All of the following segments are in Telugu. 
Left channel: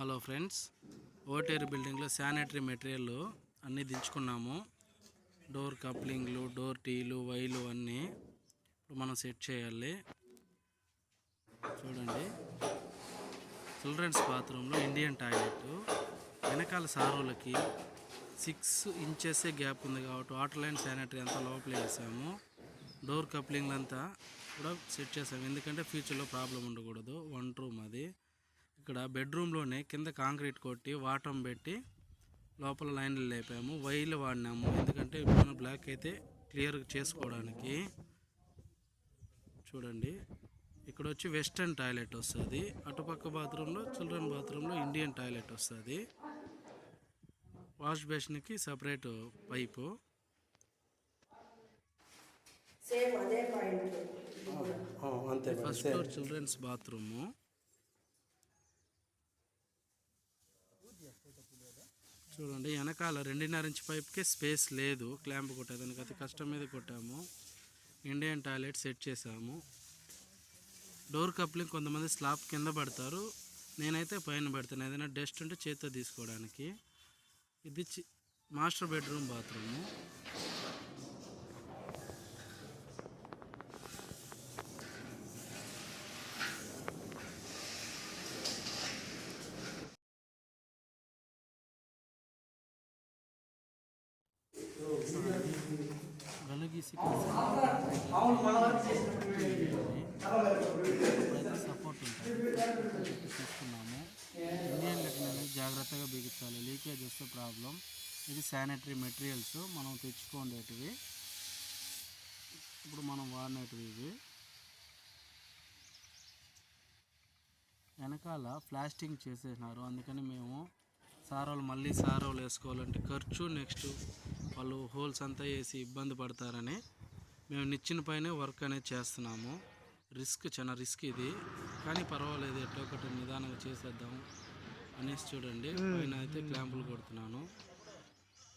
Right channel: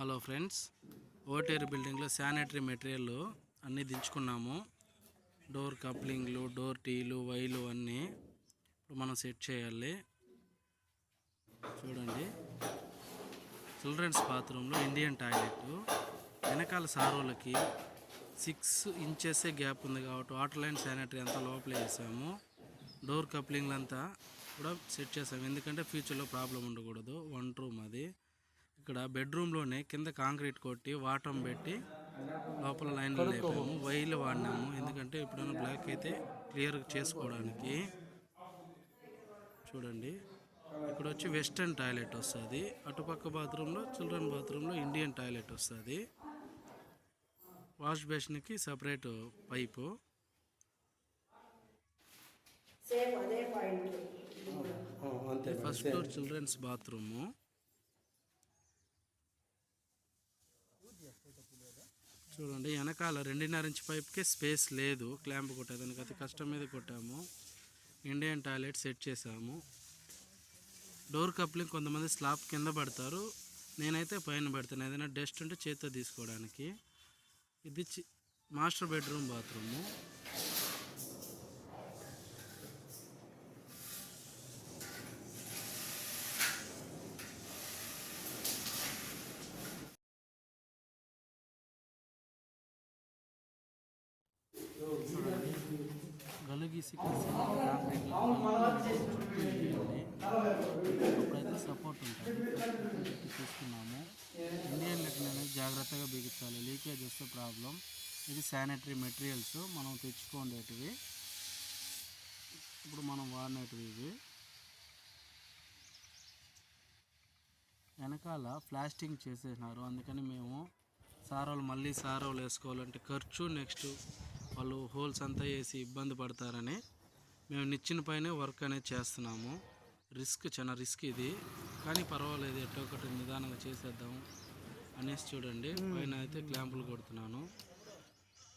హలో ఫ్రెండ్స్, ఓటేరు బిల్డింగ్లో శానిటరీ మెటీరియల్ అన్నీ దించుకున్నాము. డోర్ కప్లింగ్లు, డోర్ టీలు, వైలు అన్నీ ఇప్పుడు మనం సెట్ చేయాలి. చూడండి, చిల్డ్రన్స్ బాత్రూంలో ఇండియన్ టాయిలెట్ వెనకాల సారోలకి 6 ఇంచెస్ గ్యాప్ ఉంది కాబట్టి వాటర్ లైన్ శానిటరీ అంతా లోపల వేసాము. డోర్ కప్లింగ్లు అంతా కూడా సెట్ చేసాము, ఎందుకంటే ఫ్యూచర్లో ప్రాబ్లం ఉండకూడదు. 1 రూమ్ అది. ఇక్కడ బెడ్రూమ్లోనే కింద కాంక్రీట్ కొట్టి వాటం పెట్టి లోపల లైన్లు లేపాము. వైర్లు వాడినాము, ఎందుకంటే ఇప్పుడు బ్లాక్ అయితే క్లియర్ చేసుకోవడానికి. చూడండి, ఇక్కడ వచ్చి వెస్టర్న్ టాయిలెట్ వస్తుంది. అటుపక్క బాత్రూంలో, చిల్డ్రన్ బాత్రూంలో ఇండియన్ టాయిలెట్ వస్తుంది. వాష్ బేసిన్కి separate pipe. First floor children's bathroom. చూడండి, వెనకాల 2.5 ఇంచ్ పైప్కే స్పేస్ లేదు, క్లాంప్ కొట్టేదానికి అతి కష్టం మీద కొట్టాము. ఇండియన్ టాయిలెట్ సెట్ చేసాము. డోర్ కప్లింగ్ కొంతమంది స్లాబ్ కింద పడతారు, నేనైతే పైన పెడతాను, ఏదైనా డస్ట్ ఉంటే చేతితో తీసుకోవడానికి. ఇది మాస్టర్ బెడ్రూమ్ బాత్రూము. గలుగీసి కాంక్రీట్ చుట్టూ వేయాలి, అప్పుడైతే సపోర్ట్ ఉంటుంది. పెట్టి తీసుకున్నాము. ఇండియన్ లెటర్ అనేది జాగ్రత్తగా బిగించాలి, లీకేజ్ వస్తే ప్రాబ్లం. ఇది శానిటరీ మెటీరియల్స్ మనం తెచ్చుకోండేటివి, ఇప్పుడు మనం వాడినటివి ఇవి. వెనకాల ప్లాస్టింగ్ చేసేసినారు, అందుకని మేము సారోలు మళ్ళీ సారోలు వేసుకోవాలంటే ఖర్చు, నెక్స్ట్ వాళ్ళు హోల్స్ అంతా వేసి ఇబ్బంది పడతారని మేము నిచ్చిన పైనే వర్క్ అనేది చేస్తున్నాము. చాలా రిస్క్ ఇది, కానీ పర్వాలేదు, ఎట్టో ఒకటి నిదానంగా చేసేద్దాం అనేసి. చూడండి, పైన అయితే క్లాంపులు కొడుతున్నాను.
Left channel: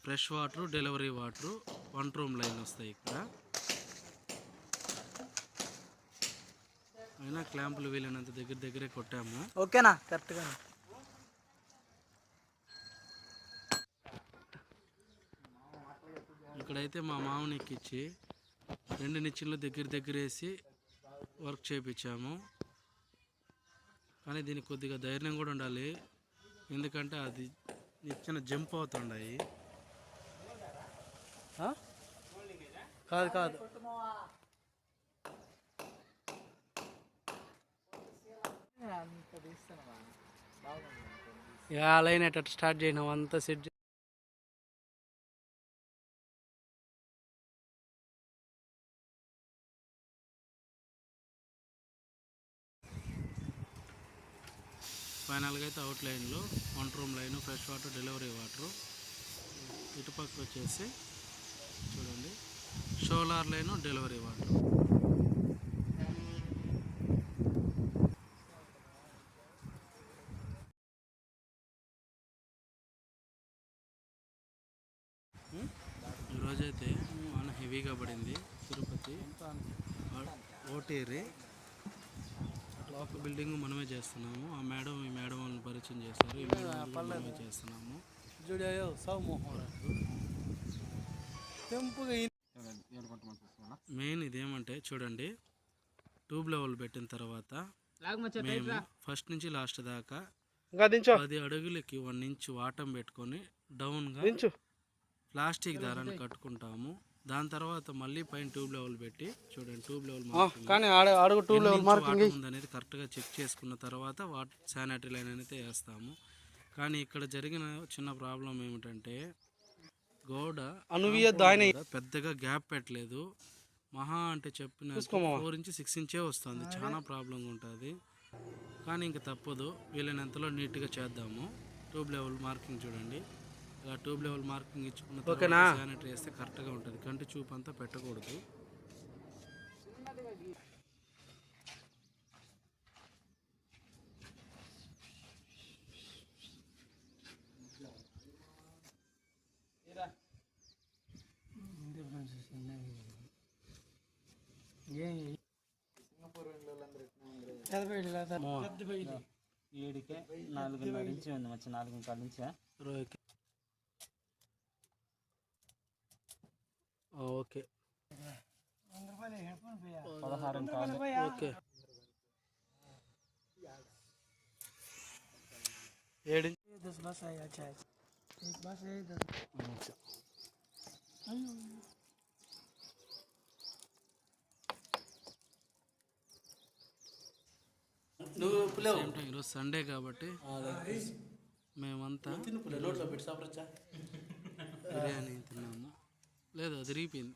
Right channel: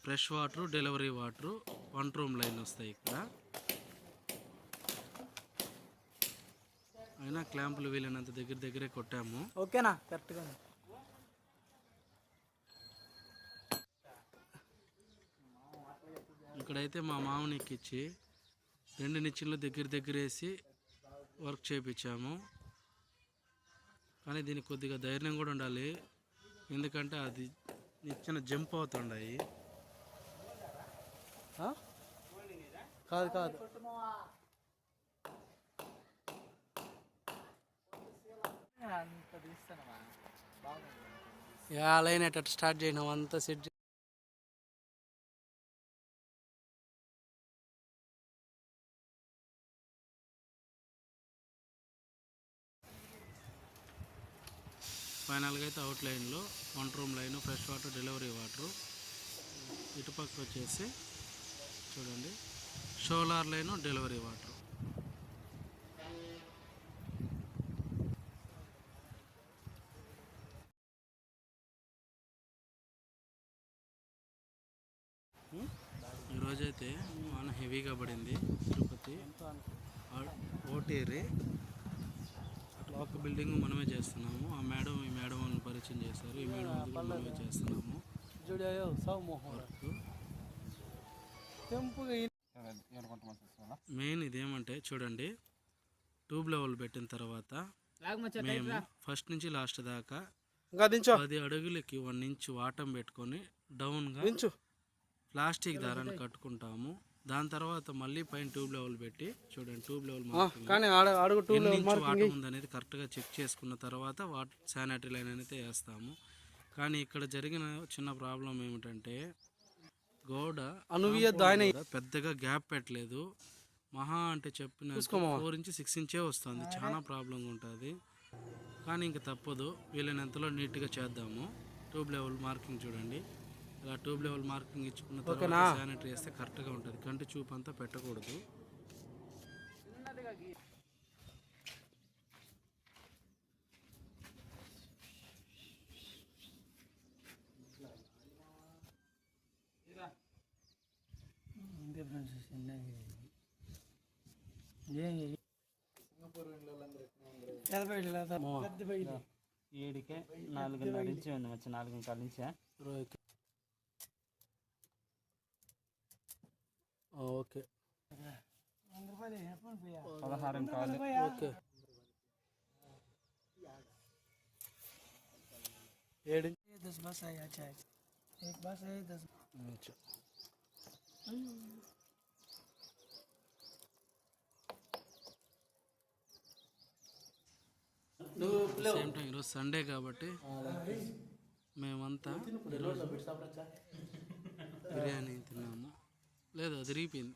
Fresh water, delivery water 1 room line వస్తాయి ఇక్కడ. అయినా క్లాంపులు వీలైనంత దగ్గరే కొట్టాము. ఓకేనా, కరెక్ట్గా. ఇక్కడైతే మా మామని ఎక్కించి 2 నిచ్చెనలు దగ్గర వేసి వర్క్ చేయించాము. కానీ దీనికి కొద్దిగా ధైర్యం కూడా ఉండాలి, ఎందుకంటే అది నిచ్చెన జంప్ అవుతుండాయి. కాదు లైన్ అట్ట స్టార్ట్ చేయడం అంతా సెట్. ఫైనల్గా అయితే అవుట్ లైన్లో 1 room line, fresh water, delivery water. ఇటుపక్క వచ్చేసి చూడండి, సోలార్ లైను, డెలివరీ వాటర్. ఈరోజైతే వాన హెవీగా పడింది. తిరుపతి ఓటేరి అటుపక్క బిల్డింగ్ మనమే చేస్తున్నాము. ఆ మేడం ఈ మేడం వాళ్ళని పరిచయం చేశారు, ఈ మేడం అది కూడా మనమే చేస్తున్నాము వర్క్. మెయిన్ ఇదేమంటే చూడండి, ట్యూబ్ లెవెల్ పెట్టిన తర్వాత మేము ఫస్ట్ నుంచి లాస్ట్ దాకా 10 అడుగులకి 1 ఇంచ్ వాటం పెట్టుకొని డౌన్గా ప్లాస్టిక్ దారాన్ని కట్టుకుంటాము. దాని తర్వాత మళ్ళీ పైన ట్యూబ్ లెవెల్ పెట్టి, చూడండి ట్యూబ్ లెవెల్ వాటర్ ఉందనేది కరెక్ట్గా చెక్ చేసుకున్న తర్వాత శానిటరీ లైన్ అనేది వేస్తాము. కానీ ఇక్కడ జరిగిన చిన్న ప్రాబ్లం ఏమిటంటే గోడ పెద్దగా గ్యాప్ పెట్టలేదు. మహా అంటే చెప్పిన 4 ఇంచ్ 6 ఇంచే వస్తుంది, చాలా ప్రాబ్లంగా ఉంటుంది. కానీ ఇంక తప్పదు, వీలైనంతలో నీట్గా చేద్దాము. ట్యూబ్ లెవెల్ మార్కింగ్ చూడండి, ఇలా ట్యూబ్ లెవెల్ మార్కింగ్ ఇచ్చుకున్న తర్వాత శానిటరీ వేస్తే కరెక్ట్గా ఉంటుంది. కంటి చూపు అంతా పెట్టకూడదు. 5కే 4:30 నుంచి ఉంది మచ్చ 4:15 నుంచా రోహిత్ ఓకే 16 కాలు ఓకే 7 10 बस है अच्छा है एक बस है 10 సేమ్ టైం ఈరోజు సండే కాబట్టి మేమంతా ఈరోజు బిర్యానీ తిన్నాము. లేదు అది రీపోయింది.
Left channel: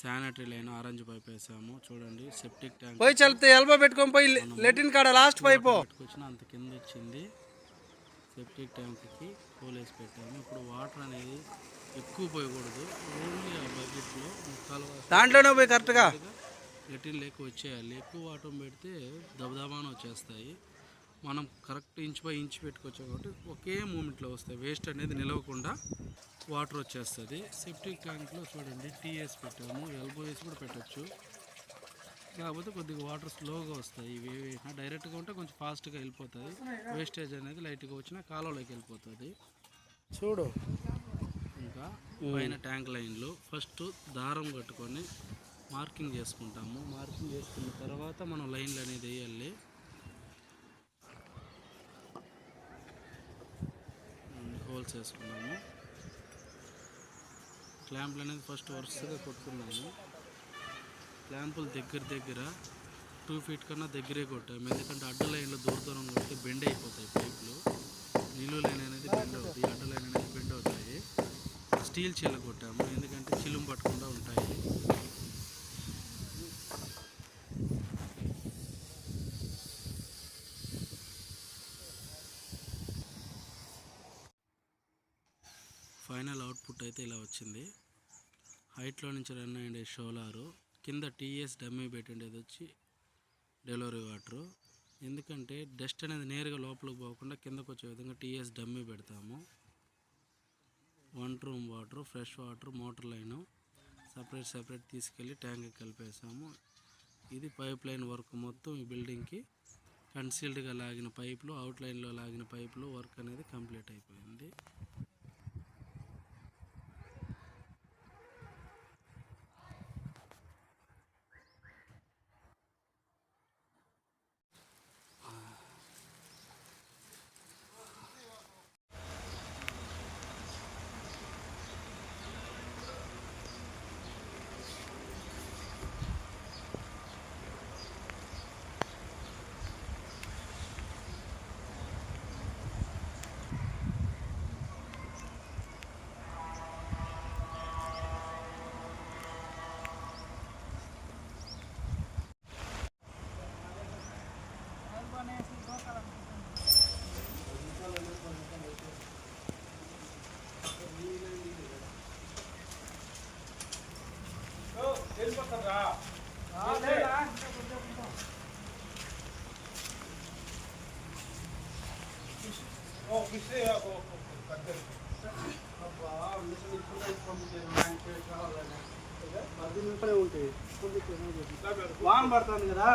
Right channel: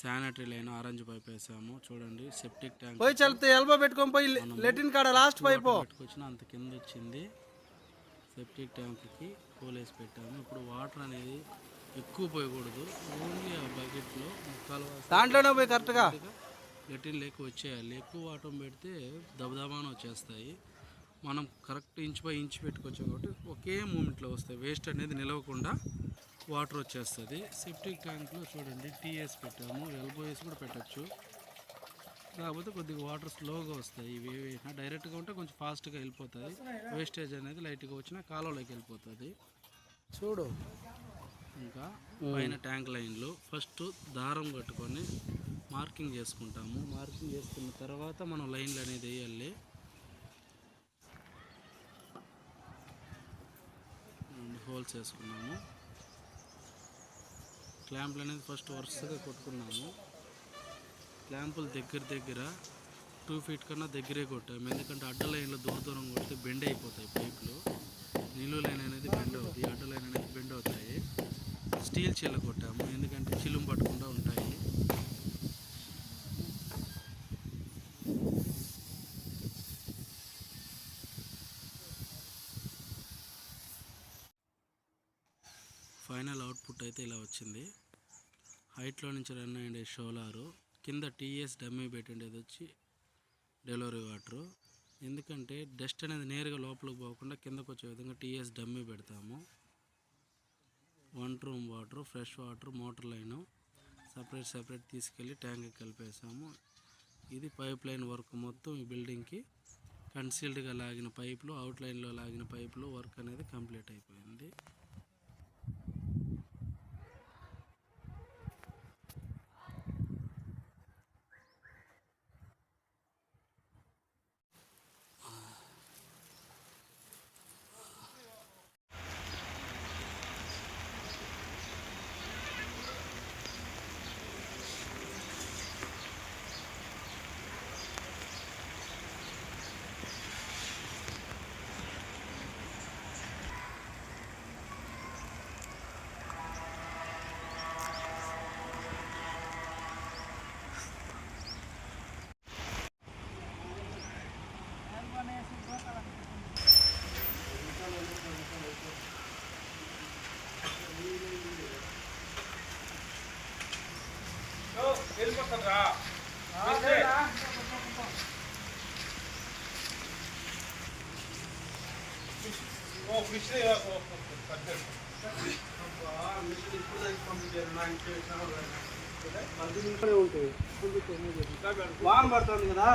శానిటరీ లైన్ ఆరెంజ్ పైప్ వేసాము చూడండి. సెప్టిక్ ట్యాంక్ పోయి చల్లితే ఎల్బో పెట్టుకొని పోయి లెటిన్ కాడ లాస్ట్ పైప్ పెట్టుకొచ్చిన అంత కింద వచ్చింది. సెప్టిక్ ట్యాంక్కి హోల్ వేసి పెట్టాము. ఇప్పుడు వాటర్ అనేది ఎక్కువ పోయకూడదు, ఓన్లీ ఆ బకెట్లో ముక్కాలు దాంట్లోనే పోయి కరెక్ట్గా లెటిన్ లేక వచ్చేయాలి. ఎక్కువ వాటర్ పెడితే దబదబాన వచ్చేస్తాయి. మనం కరెక్ట్ ఇంచ్ బై ఇంచ్ పెట్టుకోవచ్చు కాబట్టి ఒకే మూమెంట్లో వస్తాయి. వేస్ట్ అనేది నిలవకుండా వాటర్ వచ్చేస్తుంది. సెప్టిక్ ట్యాంక్లో చూడండి టీఎస్ పెట్టాము, ఎల్బోఎస్ కూడా పెట్టచ్చు. కాకపోతే కొద్దిగా వాటర్ స్లోగా వస్తాయి. ఇవి వేసినా డైరెక్ట్గా ఉంటే కొంచెం ఫాస్ట్గా వెళ్ళిపోతుంది. వేస్టేజ్ అనేది లైట్గా వచ్చినా కాలువలోకి వెళ్ళిపోతుంది. చూడు ఇంకా పైన ట్యాంక్ లైన్లు ఫస్ట్ దారం కట్టుకొని మార్కింగ్ చేసుకుంటాము. మార్కింగ్ చేసుకున్న తర్వాత మనం లైన్లు అనేది వేయాలి. హోల్స్ వేసుకున్నాము. క్లాంపులు అనేది ఫస్ట్ వరుసగా కొట్టుకున్నాము. క్లాంపులు దగ్గర 2 ఫీట్ కన్నా దగ్గరే కొట్టాము. ఎందుకంటే అడ్డ లైన్లో దూరం కొడితే బెండ్ అయిపోతాయి పైపులు. నిలువు లైన్ అనేది బెండ్ అవుతుంది, అడ్డ లైన్ అనేది బెండ్ అవుతాయి. స్టీల్ చిల్ల కొట్టాము ఎందుకంటే చిలుము పట్టకుండా ఉంటాయి. ఫైనల్ అవుట్పుట్ అయితే ఇలా వచ్చింది. హైట్లో నుంచి రన్ అయ్యే షోలారు, కింద టీఎస్ డమ్మీ పెట్టిండేది వచ్చి డెలివరీ వాటరు. ఎందుకంటే డస్ట్ అనేది నేరుగా లోపలికి పోకుండా కిందకు వచ్చే విధంగా టీఎస్ డమ్మీ పెడతాము. 1 room water, fresh water, motor line separate తీసుకెళ్ళి ట్యాంక్కి కలిపేసాము. ఇది పైప్ లైన్ వర్క్ మొత్తం ఈ బిల్డింగ్కి కన్సీల్డ్గా లాగిన పైపులు, అవుట్ లైన్లో లాగిన పైపులు వర్క్ అనేది కంప్లీట్ అయిపోయింది. వెళ్ళిపోతారా వాన పడుతుంది కదా.